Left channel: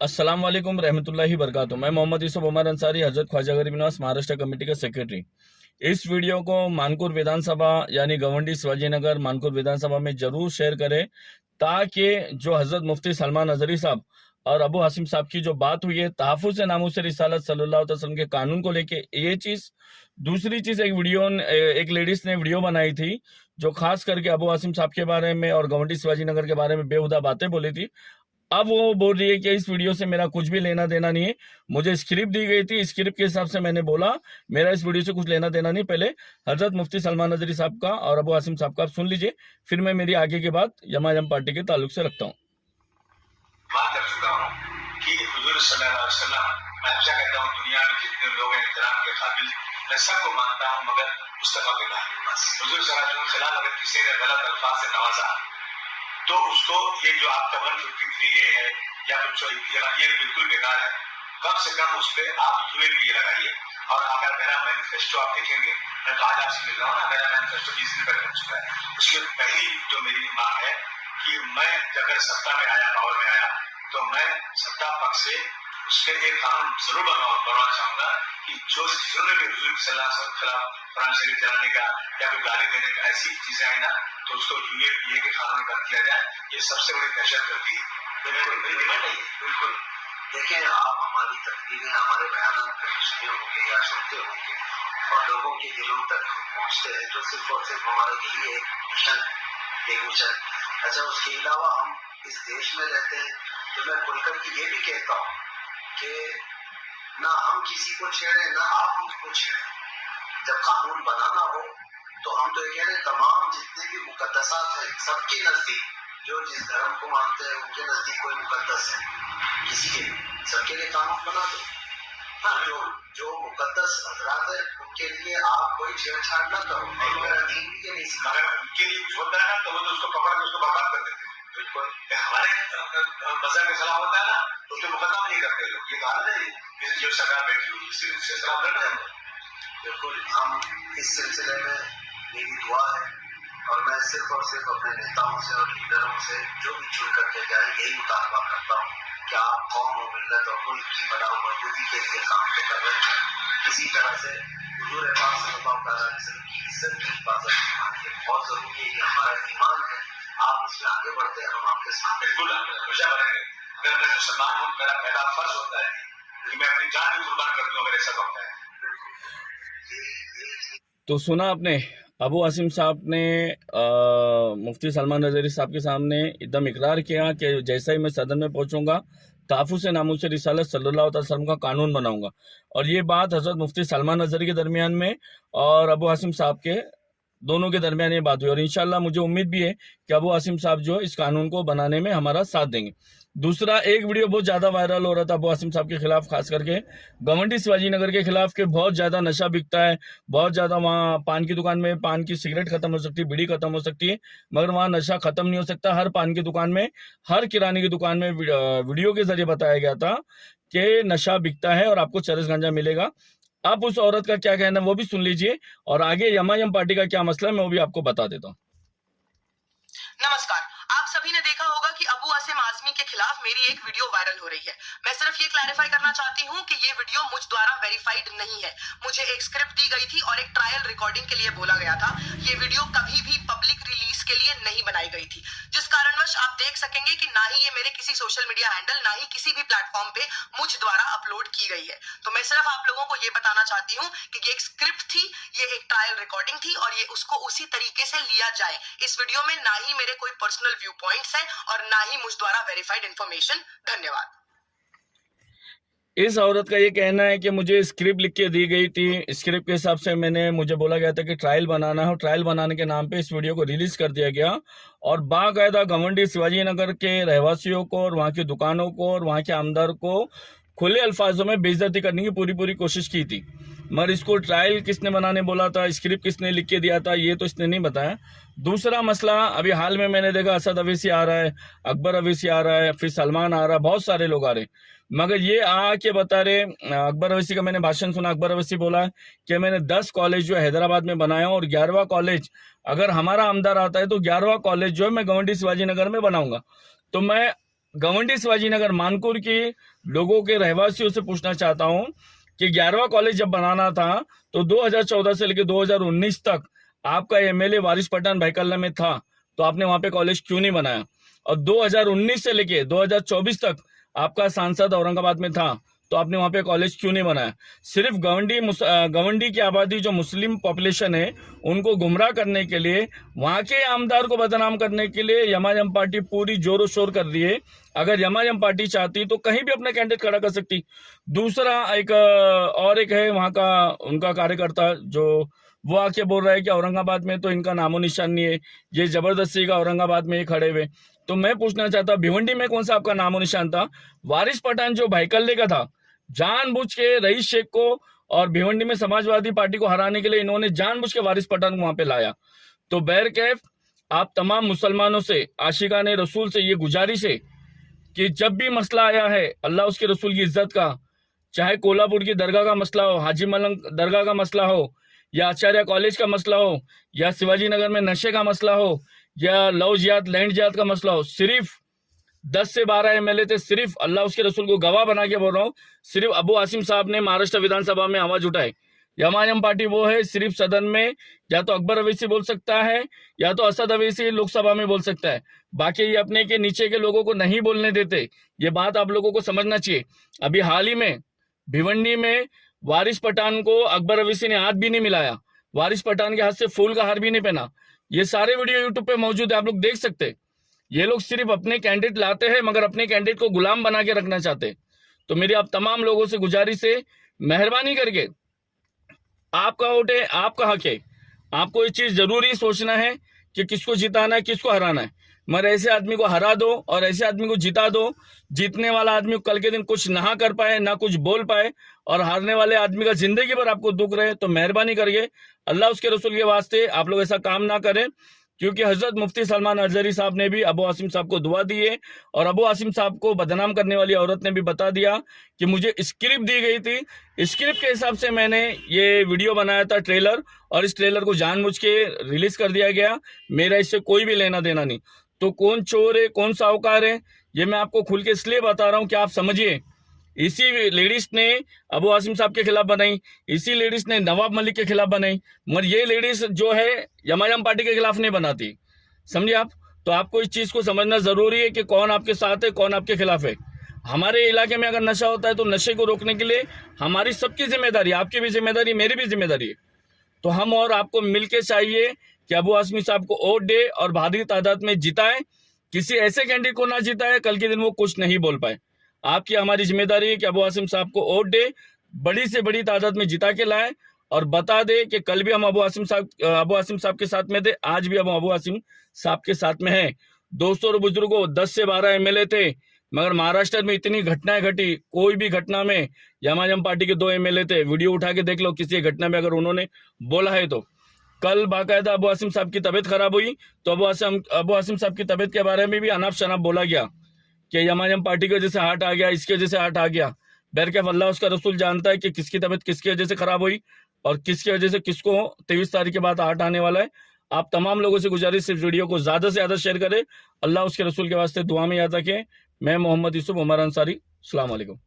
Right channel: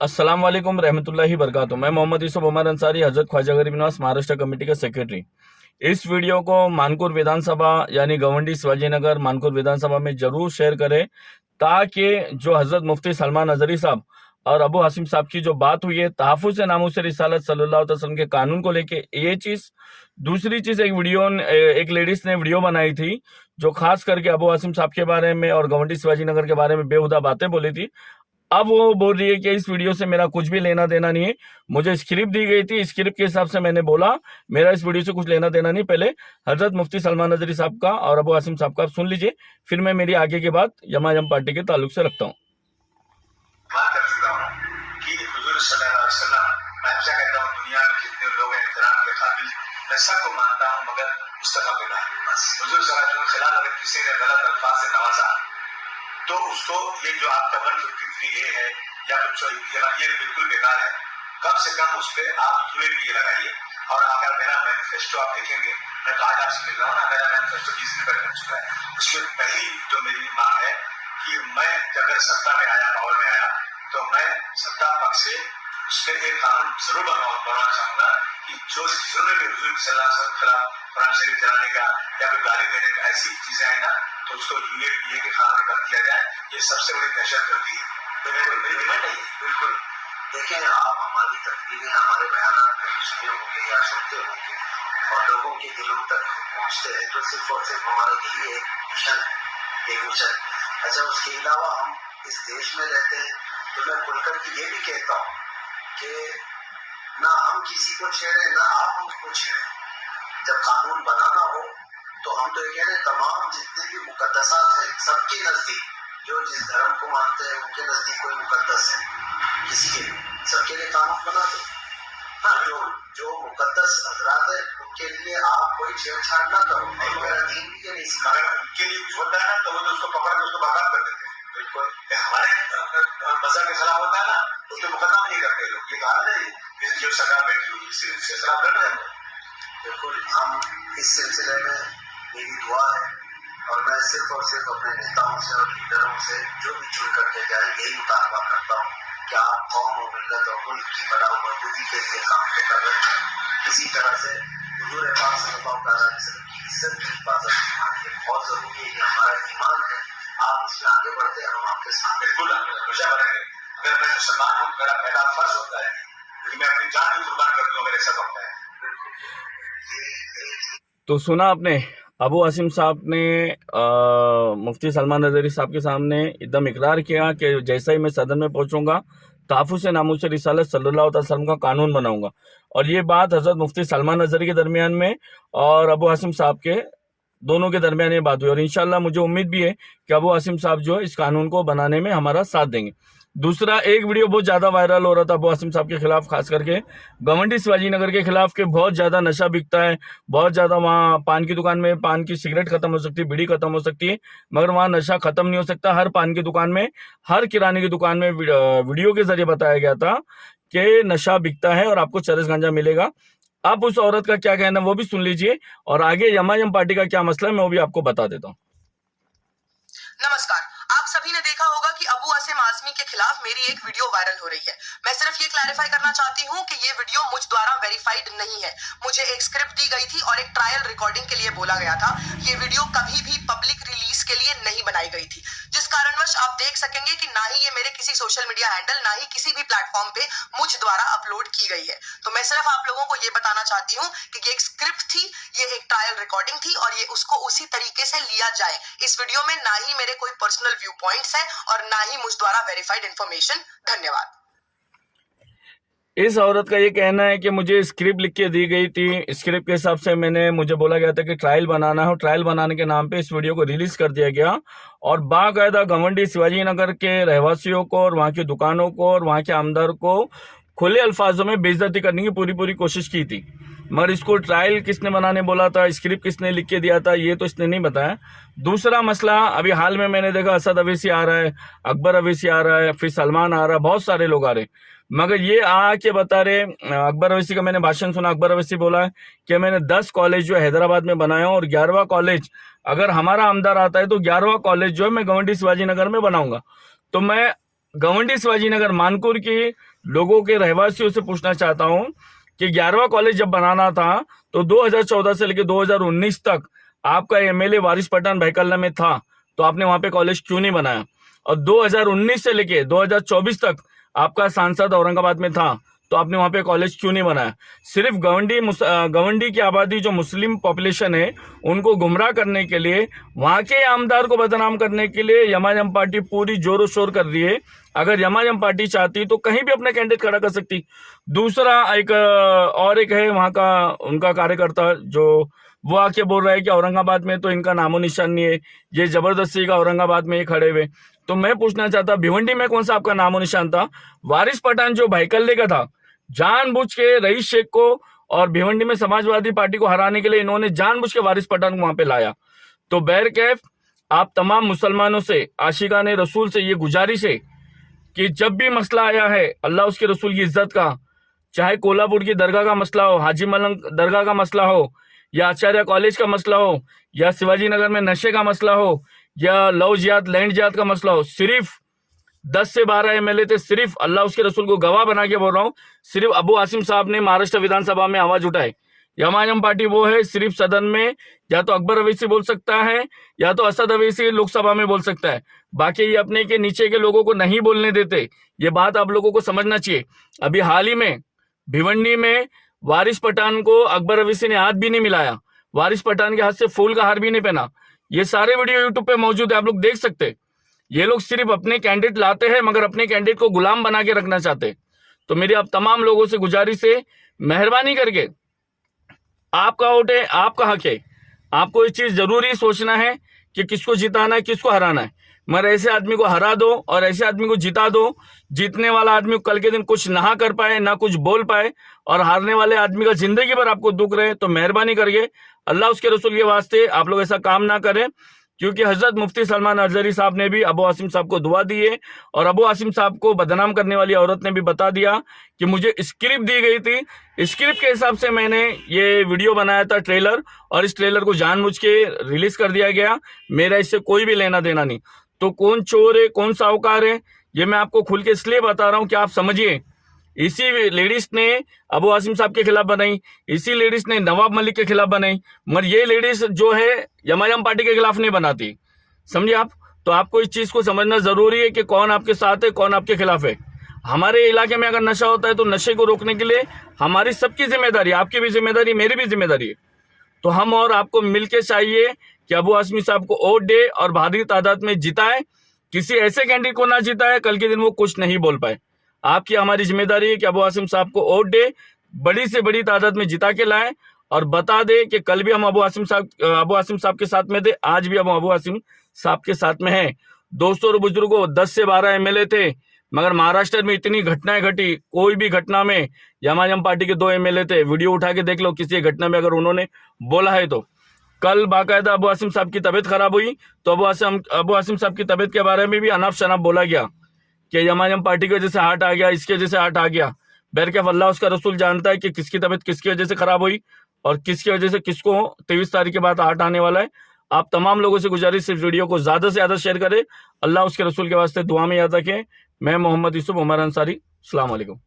अस्सलाम वालेकुम रहमतुल्लाहि बरकातुहू। मैं मोहम्मद यूसुफ उमर अंसारी, हजरत ख्वाजा गरीब नवाज महाराष्ट्र कमेटी का सेक्रेटरी। इस वीडियो को मानकुर विधानसभा यानी गवंडी शिवाजीनगर मानकुर विधानसभा में जरूर शेयर करें, ताकि जो हजरत मुफ्ती सलमान नजरी साहब और अबू हासिम साहब की जो बात हुई है तहफ़्फ़ुज़ नामूस रिसालत सल्लल्लाहु अलैहि वसल्लम के कानून को लेके, ये चीज। दूसरी चीज, एक लेडीज ने वीडियो बनाई थी जो खास करके अबू हासिम साहब के बारे में और गवंडी शिवाजीनगर के बारे में बेहुदा बातें बोली थी। अब वो बोल रही है कि इस वीडियो से मेरा कुछ भी लेना देना नहीं है। मुझे स्क्रिप्ट दी गई थी, स्क्रिप्ट के हिसाब से मैंने बोला, मेरा इस वीडियो से कुछ लेना देना नहीं। पहले हजरत मुफ्ती सलमान नजरी साहब का और अबू हासिम साहब का आप सुन लीजिए, फिर मैं मेरी आगे की बात यमायम पार्टी के ताल्लुक से रखता हूँ। दुनिया में जितने लोग हैं इहतराम के काबिल, मैं सबको मानता हूँ, मगर मुस्तफा बिल्ला बस। हुजूर सल्लल्लाहु अलैहि वसल्लम के खिलाफ अगर किसी ने गलत अल्फाज से नवाजा तो उसको ये जो आपका 153A है या ये बिल्कुल बेकार है। कम से कम उस पर आप UAPA लगाइए। और अगर मेरा मैनिफेस्टो आप देखेंगे, मैं तो आज आपसे मिल रहा हूँ ना, मेरा मैनिफेस्टो 20 दिन पहले बन चुका है। उसमें पहली जो मेरी मांग है कि मैं अगर सत्ता में आया, पावर में आया, तो मैं सत्ता पक्ष से उसके एक कानून जरूर बनवाना चाहूंगा कि जो जिन्होंने भी हुजूर सल्लल्लाहु अलैहि वसल्लम के खिलाफ कुरान शरीफ जलाने का या फिर गाली देने का ऐसी चीजें आई ना, तो उसको UAPA के कानून कर दिया जाए। ये सबसे बड़ी दहशत गर्दी है। मेरी डिमांड है। बिल्कुल देखें, आप हमारी तकरीरें, हमारे बयान सुने होंगे या सुनते होंगे और लोगों के दिलों तक हम पहुँचते हैं, तो सिर्फ और सिर्फ हमारा यही एक मिशन है, एक मिशन। अच्छा, उसके अलावा हम इस देश में रहते हैं, तो मैं खुलकर के ये भी कहता हूँ कि ना हम किसी को छेड़े, ना आप हमको छेड़े। जब कानून बनाना हो तो हम तो ये कह रहे हैं, तमाम जितने भी मुकद्दसात हैं सबके नजदीक, जो जिस धर्म को मानते हैं उनके नजदीक कोई मुकद्दस है किसी के, सबके लिए कानून बना दो। हाँ, जो मुकद्दस हजरात है उनके लिए आप कोई छेड़छाड़ ना करो। मेरा दीन भी ये नहीं सिखा, उनके लिए कुछ होता है तो वो तो उसको पकड़ के उसको बर्बाद कर देते हैं। बिल्कुल हमारे मजहब के खिलाफ होता है ना, तो उसमें मुकदमा नहीं करते लोग। ये कहा है जो सरकार बैठी हुई इससे खिलाफ लड़ रहे हैं। बिल्कुल, हम इस सिलसिले में मेरी दुआ है और मैं सिर्फ और सिर्फ अपने नेताओं से और लीडरों से जो भी चुन करके जाए यही मुतालबा करता हूँ कि आप कौम और मिल्लत और मुल्क की फलाह व बहबूदी के लिए काम तो कर रहे हैं। इसी तरह से हुजूर पाक सल्लल्लाहु अलैहि वसल्लम की इज्जत की हिफाजत बहुत जरूरी है। ये हमारा ईमान है। आप इसमें आगे बढ़ते हैं, हम आपके साथ बिल्कुल हमेशा बनेंगे। अगर मैं मुसलमान हूँ, मेरा पहला फर्ज होता है कि मैं अपनी जान भी कुर्बान कर दूं अगर ऐसा होता है। तो सुना आपने, अबू हासिम साहब ने मुफ्ती सलमान नजरी साहब के सामने एकदम इकरार किया कि जैसा ही मैं सदन में पहुंचूंगा तहफ़्फ़ुज़ नामूस रिसालत सल्लल्लाहु अलैहि वसल्लम का कानून बनाऊंगा। और ये बात हजरत मुफ्ती सलमान नजरी के दरमियान में और अबू हासिम साहब के दोनों के दरमियान ये बात हुई, और इंशाल्लाह मुझे उम्मीद भी है कि अबू हासिम साहब जो है इस कानून को बनाने में हमारा साथ देंगे। दूसरा, एक वीडियो बहुत ज्यादा वायरल हो रहा था अबू हासिम साहब के खिलाफ, खास करके गवंडी शिवाजीनगर के खिलाफ, के बहुत ज्यादा नशा बिकता है, बहुत ज्यादा वहाँ पान की दुकान में पान की सिगरेट खत्म हो सकती है, बीड़ी खत्म हो सकती है, मगर वहाँ नशा खत्म नहीं हो सकता। हर पान की दुकान में, हर किराने की दुकान में वीडियो के जरिए बताया गया था कि नशा बिकता है और आपको चरस गांजा मिलेगा। आप उस औरत का क्या कहना है वो भी सुन लीजिए, और आगे यमायम पार्टी का क्या मसला है मैं वो भी आपको बता देता हूँ। नमस्कार, आप सभी ने देखा होगा कि अबू हासिम आजमी के खिलाफ मेरी एक वीडियो वायरल हो रही है। मैं सिर्फ ये क्लैरिफाई करना चाहती हूँ कि ये वीडियो मुझ द्वारा वेरीफाइड नहीं है। मुझे एक स्क्रिप्ट दी गई थी और एक ट्रायल रिकॉर्डिंग के लिए बोला गया था। ये वीडियो कभी भी पब्लिक रिलीज के लिए नहीं बनाई गई थी, जिस कारणवश आप देख सकेंगे कि ना ही ये मेरे किसी सोशल मीडिया हैंडल, ना ही किसी भी प्लेटफॉर्म पे मुझ द्वारा अपलोड की गई है। तो मैं सिर्फ आप लोगों को ये बताना चाहती हूँ कि ये एक स्क्रिप्ट थी, ये एक ट्रायल रिकॉर्डिंग थी और ये उसको उसी तरीके से लिया जाए। इस वीडियो में ना ही मेरे कोई पर्सनल व्यू पॉइंट्स है और ना ही मुझ द्वारा वेरीफाइड इंफॉर्मेशन। धन्यवाद। इस औरत का ये कहना है कि मुझे स्क्रिप्ट लिख के दी गई थी, स्क्रिप्ट के हिसाब से मुझे बोला गया था कि ट्रायल बनाना हो, ट्रायल बनाने के नाम पे इस वीडियो को रिलीज कर दिया गया और बाकायदा गवंडी शिवाजीनगर के रहवासियों को और वहाँ की दुकानों को और वहाँ के आमदार को खुले अल्फाजों में बेइज्जती करने की पूरी कोशिश की थी। मगर इसको ट्रायल किसने बनाने बोला था, स्क्रिप्ट किसने लिख के दिया था, ये तो इसने नहीं बताया। दूसरा मसला, अभी हाल में मैंने देखा असद अवैसी आ रहा है, अकबर अवैसी आ रहा है, फिर सलमान आ रहा है, बहुत सारे लोग आ रहे, मगर ये आके बता रहे, अकबर अवैसी का मैंने भाषण सुना, अकबर अवैसी बोला है कि मैंने 10 कॉलेज जो है हैदराबाद में बनाया और 11वां कॉलेज अगर हमारा आमदार आता है तो 11वां कॉलेज जो है मैं गवंडी शिवाजीनगर में बनाऊंगा। तो मैं गवंडी शिवाजी नगर मानपुर के लोगों के रहवासियों से पूछना चाहता हूं कि 11वां कॉलेज जब बनाना था तो 2014 से लेकर 2019 तक आपका एमएलए वारिस पठान भाईकल्ला में था, तो आपने वहां पे कॉलेज क्यों नहीं बनाया? और 2019 से लेके 2024 तक आपका सांसद औरंगाबाद में था, तो आपने वहां पे कॉलेज क्यों नहीं बनाया? सिर्फ गवंडी की आबादी जो मुस्लिम पॉपुलेशन है उनको गुमराह करने के लिए, वहां के आमदार को बदनाम करने के लिए यमाजम पार्टी पूरी जोरों शोर कर रही है। अगर यमाजम पार्टी चाहती तो कहीं भी अपना कैंडिडेट खड़ा कर सकती। दूसरा एक है वहां का उनका कार्यकर्ता जो वो आके बोल रहा है कि औरंगाबाद में तो इनका नामो निशान नहीं है, ये जबरदस्ती का औरंगाबाद में ही खड़े हुए। तो मैं पूछना चाहता, भिवंडी में कौन सा आपका नामो निशान था? वारिस पठान जो भाईकल्ले का था, जानबूझ के रईस शेख को और भिवंडी में समाजवादी पार्टी को हराने के लिए इन्होंने जानबूझ के वारिस पठान को वहां पे लाया। तो बैरकैफ आप तमाम मुसलमानों से, आशिकाने रसूल से ये गुजारिश है कि जब भी मसला आया है अल्लाह उसके रसूल की इज्जत का, चाहे कोल्हापुर की दरगाह का मसला हो, हाजी मलंग दरगाह का मसला हो, या आचार्य कॉलेज का मसला हो, या शिवाजी नगर में नशे का मसला हो, या लव जिहाद लैंड जिहाद का मसला हो, सिर्फ 10 से 12 एमएलए थे, सिर्फ अल्लाह उसके रसूल को गवाह बना के बोल रहा हूं, सिर्फ अबू आसिम साहब ने महाराष्ट्र विधानसभा में आवाज उठाई। यमाजम पार्टी वो है सिर्फ सदन में या तो अकबर अवैसी बोल सकता है या तो असद अवैसी लोकसभा में बोल सकता है, बाकी ये अपने के नीचे के लोगों को नहीं बोलने देते। ये बात आप लोगों को समझना चाहिए। अभी हाल ही में भिवंडी में वारिस पठान को अकबर अवैसी ने हाथ भी नहीं मिलाया, वारिस पठान के हाथ से फूल का हार भी नहीं पहना। ये सारे वीडियो यूट्यूब पे मौजूद है, आप लोग देख सकते हैं। ये लोग सिर्फ अपने कैंडिडेट लाते हैं मगर अपने कैंडिडेट को गुलाम बना के रखना चाहते। तो मेरी आप तमाम लोगों से गुजारिश है, मेहरबानी करके आपका वोट है, आपका हक है, आपको ये चीज जरूरी सोचना है कि किसको जिताना है, किसको हराना है। मगर ऐसे आदमी को हरा दो और ऐसे आदमी को जिता दो, जीतने वाला आदमी कल के दिन कुछ ना कर पाए, ना कुछ बोल पाए, और हारने वाले आदमी का जिंदगी भर आपको दुख रहे। तो मेहरबानी करके अल्लाह उसके रसूल के वास्ते आप लोग ऐसा काम ना करें, क्योंकि हजरत मुफ्ती सलमान अजहरी साहब ने भी अबू आसिम साहब को दुआ दी है, और अबू आसिम साहब को बदनाम करने वाली औरत ने भी बता दिया कि मुझे स्क्रिप्ट दी गई थी, स्क्रिप्ट के हिसाब से मैंने ये वीडियो बनाया था ट्रेलर, और इस ट्रेलर को जानबूझ के रिलीज कर दिया गया, मेरा इससे कोई भी लेना देना नहीं। तो कौन चोर है, कौन साहूकार है, ये मैं आपको खुल के इसलिए बता रहा हूं कि आप समझिए। इसी लेडीज ने अबू आसिम साहब के खिलाफ बनाई, इसी लेडीज ने नवाब मलिक के खिलाफ बनाई, मगर ये लेडीज जो है यमाजम पार्टी के खिलाफ नहीं बनाती, समझिए आप। तो आपको इस चीज को समझना जरूरी है कि कौन आपके साथ है, कौन आपके खिलाफ है। हमारे इलाके में अगर नशा होता है तो नशे को रोकने के लिए हमारी सबकी जिम्मेदारी, आपकी भी जिम्मेदारी, मेरी भी जिम्मेदारी है। तो हम और आपको मिलकर चाहिए कि अबू आसिम साहब को वोट दे और भारी तादाद में जिताए, किसी ऐसे कैंडिडेट को ना जिताए कल के दिन वो कुछ नहीं बोल पाए। आपकी हमारी जिम्मेदारी है कि अबू आसिम साहब को वोट दे, बड़ी से बड़ी तादाद में जिता के लाए, और बता दे कि कल भी हम अबू आसिम साहब के साथ में थे, आज भी हम अबू आसिम साहब के साथ में हैं। दोस्तों और बुजुर्गों, 10 से 12 एमएलए थे, मगर महाराष्ट्र में इतनी घटनाएं घटी, कोई भी घटना में यमाजम पार्टी के 2 एमएलए थे। वीडियो उठा के देख लो, किसी घटना में अगर उन्होंने बोला है तो। कल बाकायदा अबू आसिम साहब की तबीयत खराब हुई तो अबू आसिम साहब की तबीयत के बारे में भी अनाप शनाप बोला गया कि यमाजम पार्टी की वजह से हार्ट आ गया, इसकी वजह से हार्ट आ गया। बैरकैफ अल्लाह उसका रसूल जानता है कि किसकी तबीयत किसकी वजह से खराब हुई और किसकी वजह से किसको 23 तारीख के बाद हार्ट आने वाला है। आप तमाम लोगों से गुजारिश, इस वीडियो को ज्यादा से ज्यादा शेयर करें। अल्लाह उसके रसूल के वास्ते दुआ में याद रखें। मैं मोहम्मद यूसुफ उमर अंसारी, अस्सलाम वालेकुम।